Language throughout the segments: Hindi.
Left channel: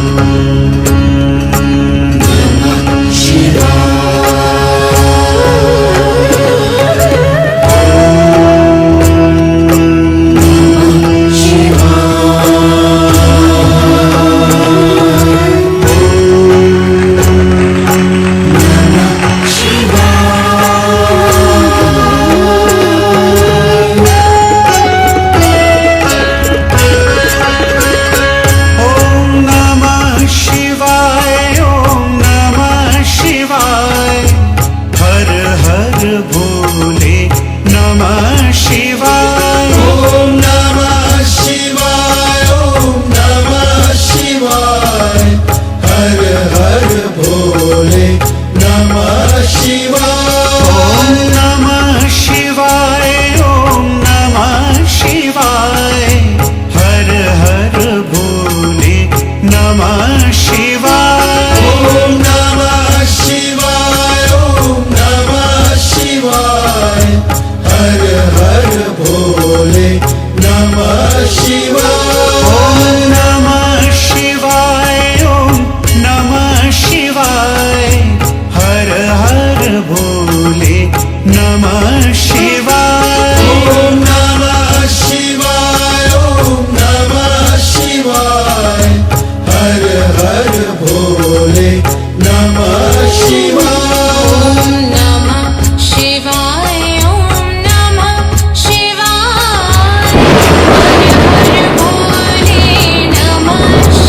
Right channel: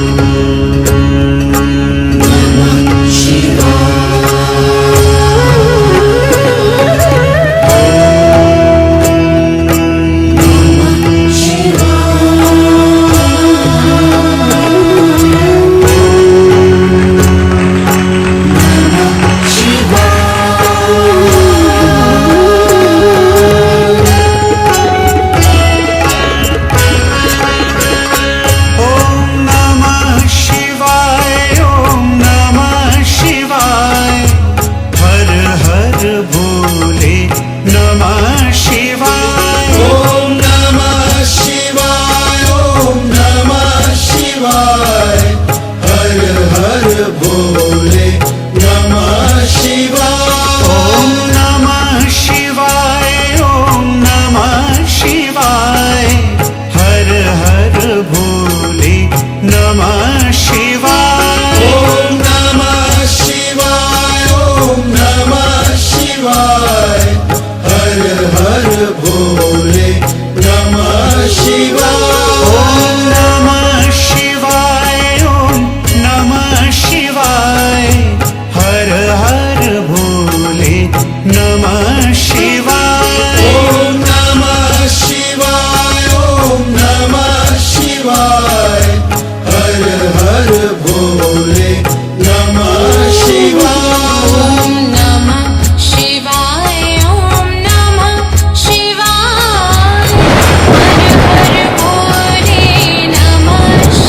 भोले नमः शिवाय। ओम नमः शिवाय, ओम नमः शिवाय, हर हर भोले नमः शिवाय। ओम नमः शिवाय, ओम नमः शिवाय, हर हर भोले नमः शिवाय। ओम नमः शिवाय, ओम नमः शिवाय, हर हर भोले नमः शिवाय। ओम नमः शिवाय, ओम नमः शिवाय, हर हर भोले नमः शिवाय। ओम नमः शिवाय, ओम नमः शिवाय, हर हर भोले नमः शिवाय। ओम नमः शिवाय, ओम नमः शिवाय, हर हर भोले नमः शिवाय। नमः शिवाय, ओम नमः शिवाय, हर हर भोले नमः शिवाय।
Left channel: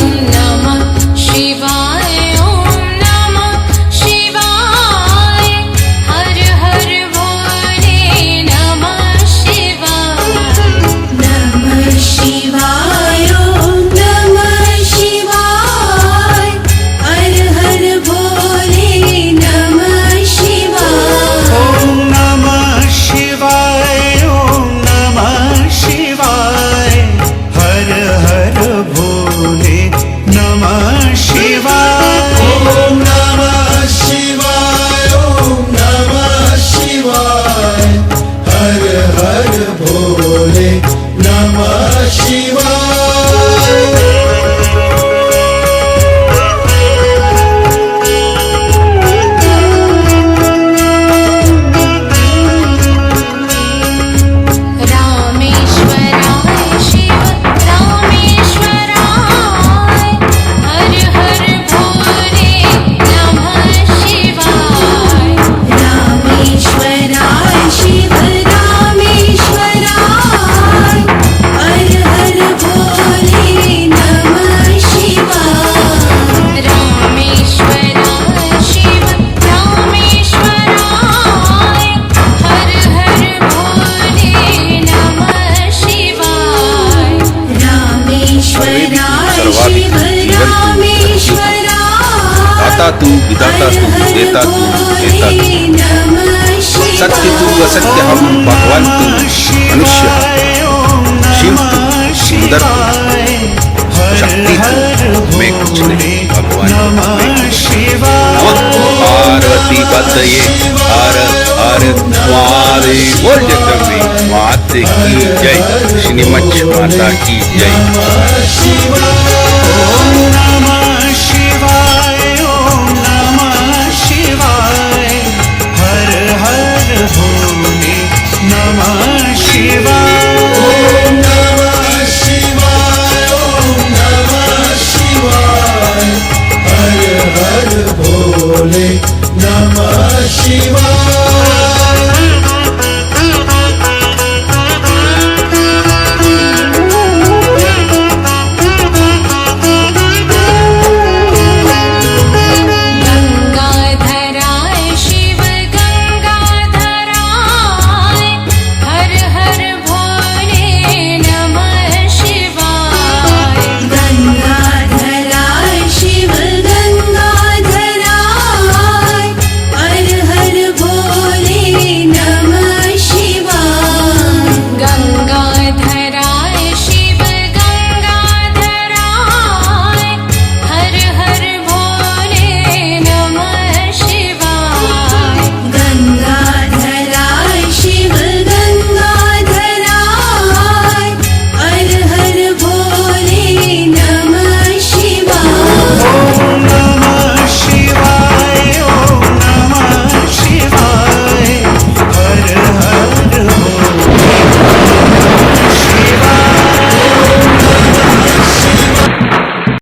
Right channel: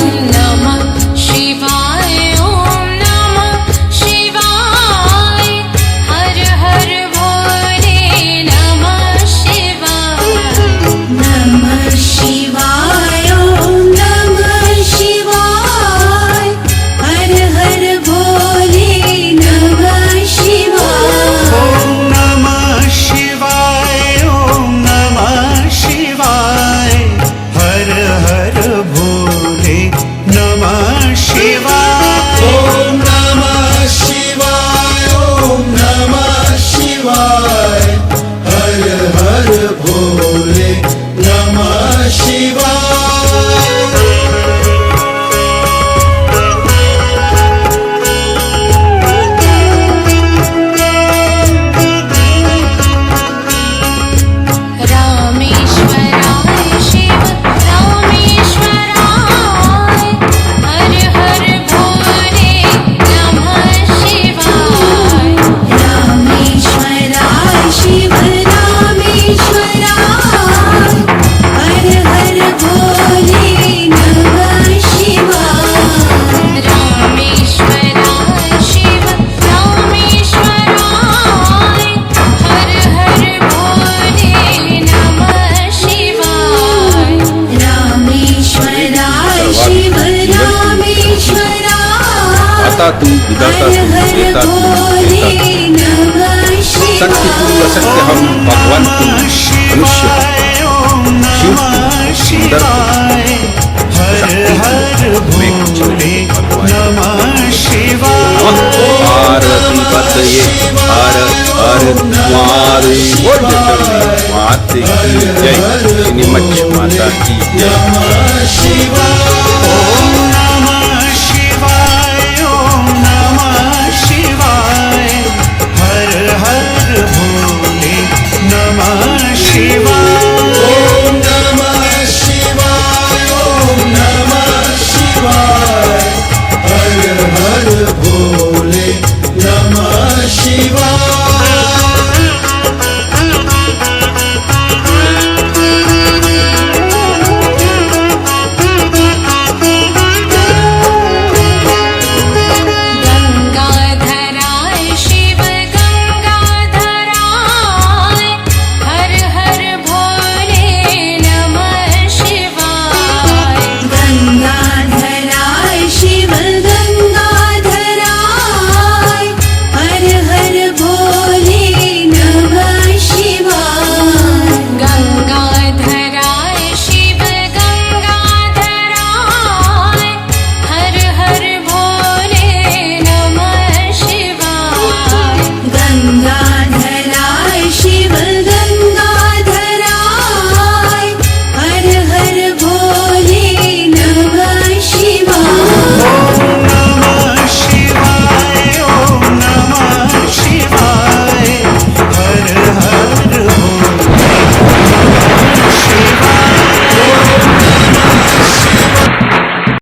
ओम नमः शिवाय, ओम नमः शिवाय, हर हर भोले नमः शिवाय। नमः शिवाय, ओम नमः शिवाय, हर हर भोले नमः शिवाय। ओम नमः शिवाय, ओम नमः शिवाय, हर हर भोले नमः शिवाय। ओम नमः शिवाय, ओम नमः शिवाय, हर हर भोले नमः शिवाय। रामेश्वराय शिव रामेश्वराय, हर हर भोले नमः शिवाय। रामेश्वराय शिव रामेश्वराय, हर हर भोले नमः शिवाय। रामेश्वराय शिव रामेश्वराय, हर हर भोले नमः शिवाय। रामेश्वराय शिव रामेश्वराय, दाता तू, विधाता तू, देता तू, देता तू, सत्य तू, असत्य हम, भगवान तू, मनुष्य हम, शिव तू, सुंदर तू, शक्ति तू, मैं कुछ नहीं, भगवान नमः शिवाय। नमः पार्वती पतये हर हर महादेव। बोल जगदम्बे माते की जय, श्रीमच्छ माता की जय। नमः शिवाय।